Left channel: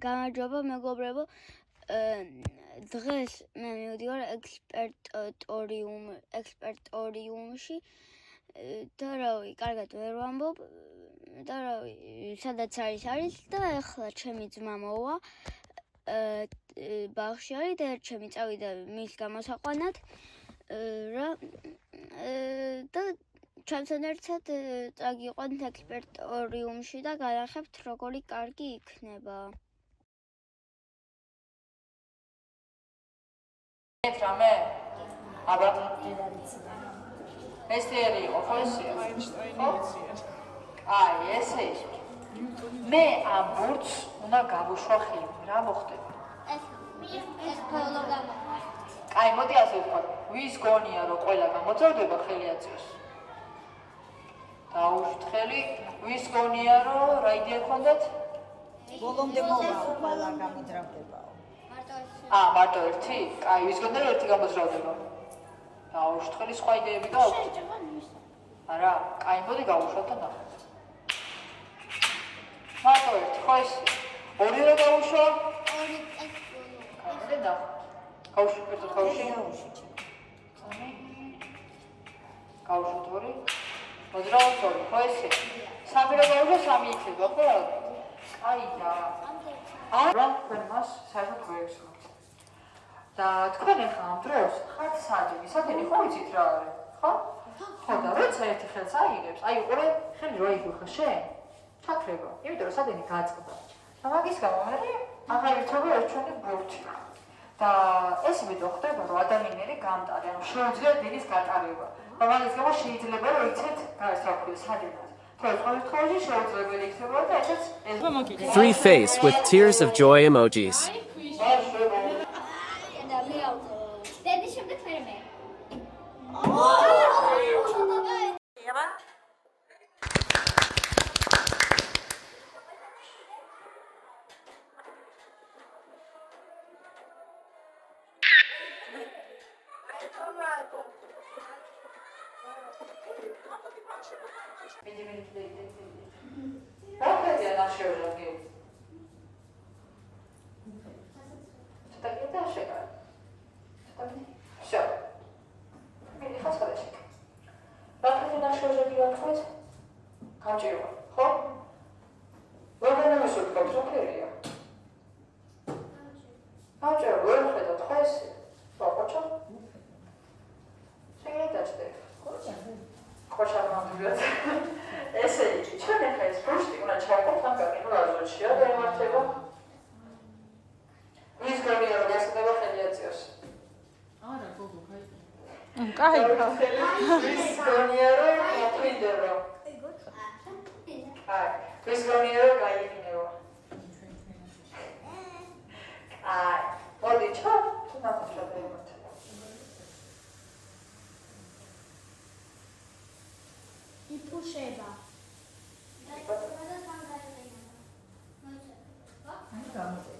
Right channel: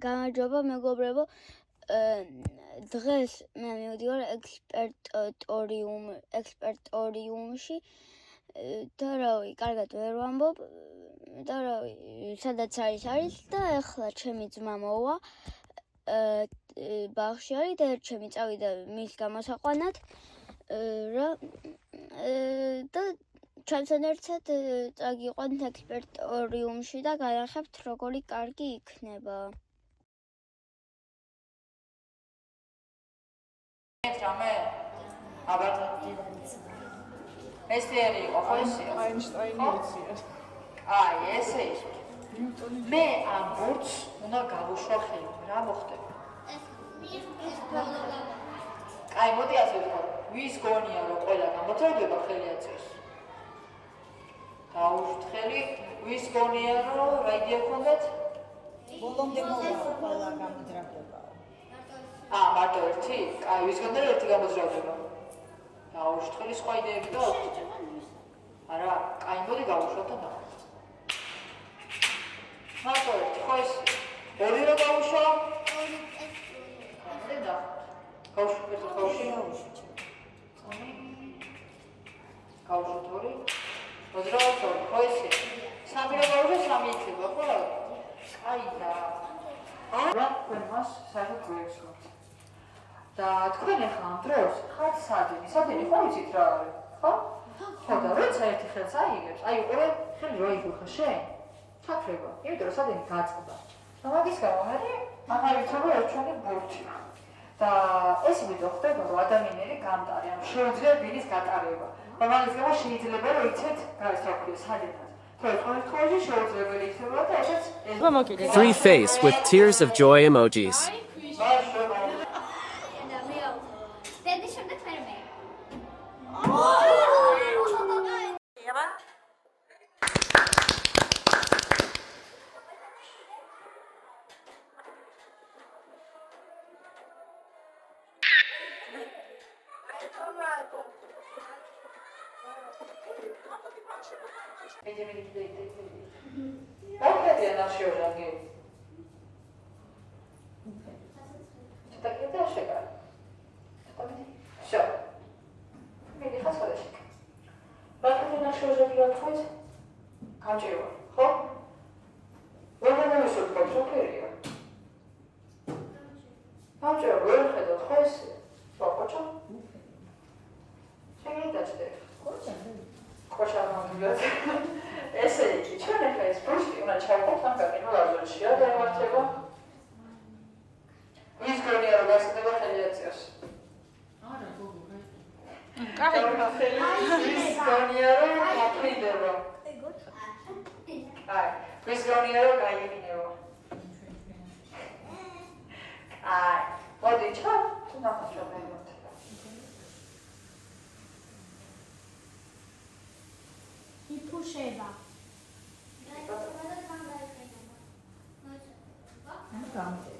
გამარჯობა მეგობრებო, დღეს მე მივდივარ ექსპერტორიუმში და რავი, კარგად ვერ ვამბობ და რავი, სადაც არის და ეხლა ჩემი ძმა მოვა ბაღში არის და ჩემი წავიდა მის გამოსაყვანად და ჩვენთან ერთად წაგიყვანთ ექსპერტორიუმში და განახებთ როგორი კარგი იქნება. Rame, აბა ეს თერი იყო ხო ესეა? ხო? აი, ესე ის. მე ამ ბურთს უნდა გავუშვა ხელი, რა მოხდება? აი, მოდი ასე ვთქვა, ვის გონია რომ ყველა გამოძრადება ხელი აწევს? დაუშვით ხელი, ვის გონია რომ რა იდეა გქონდათ? ბოლომდე მოვა ყველა გამოძრადება. მარტო ერთი? კაი, ვის გონდა ერთი გამოძრადება? დაუშვით ხელი, სხვა იდეები გააქვთ? არა, კაი, მოდი გავუშვათ და ნახოთ. მარტო ერთი, ხო ეს? ორი რა გავუშვა? კაი, მოდი ნახოთ. გავუშვით ერთად გავუშვით? გავუშვით ორი? მოძრაობს ორი, ხო ესე? სამი რა გავუშვა, სამი იქნება, ხო? კაი და არა, თქვენ მას საერთოდ გვერდსმოთ. და თქვენ ახლა ამ დროს ხართ სადენი ხო იცით რა არის, ხო? ხო და როცა ერთი ხელს აიღებს, აი უყურე ხელი რა იგიხა შენ? ჩაქრება, იმიტომ რომ სადენი გაწყდა. და მაგის გამო მე ახალი ცოცხალი ერჩუნე ბურთი. და ეს ვიდეო ხდება რომ ადამიანები გამტარი, ანუ შეუძლია დილის გატარება. და მაგის გამო შეიძლება რომ იცით გასაკვირი სადენად. Three face with tears of joy emojis. Okay, not sure again. Tak nie da się go. Все. Nie pasuje. Okay, not sure że nie odchodzi. Kamczyło. Ho? Wygląda mi się to okej. Kamczyło, wygląda to jest. Zobaczę. Czekaj, dać ty. Хоча вам говорят, ესე იგი, ჩვენ ახლა ეს ბურთი უნდა ჩავყოთ ამ გაკეთებაში, რა დამართება? ვის გონია რომ გასწრება ხელი აწევს? არა, გოგო, კაი. ვის გონია რომ მოყვიდება? კაი, ვის გონია რომ გაიგნება? აი, მოდი ჩავ, თუ ნახავთ. იფუშება. ანუ გამოდი.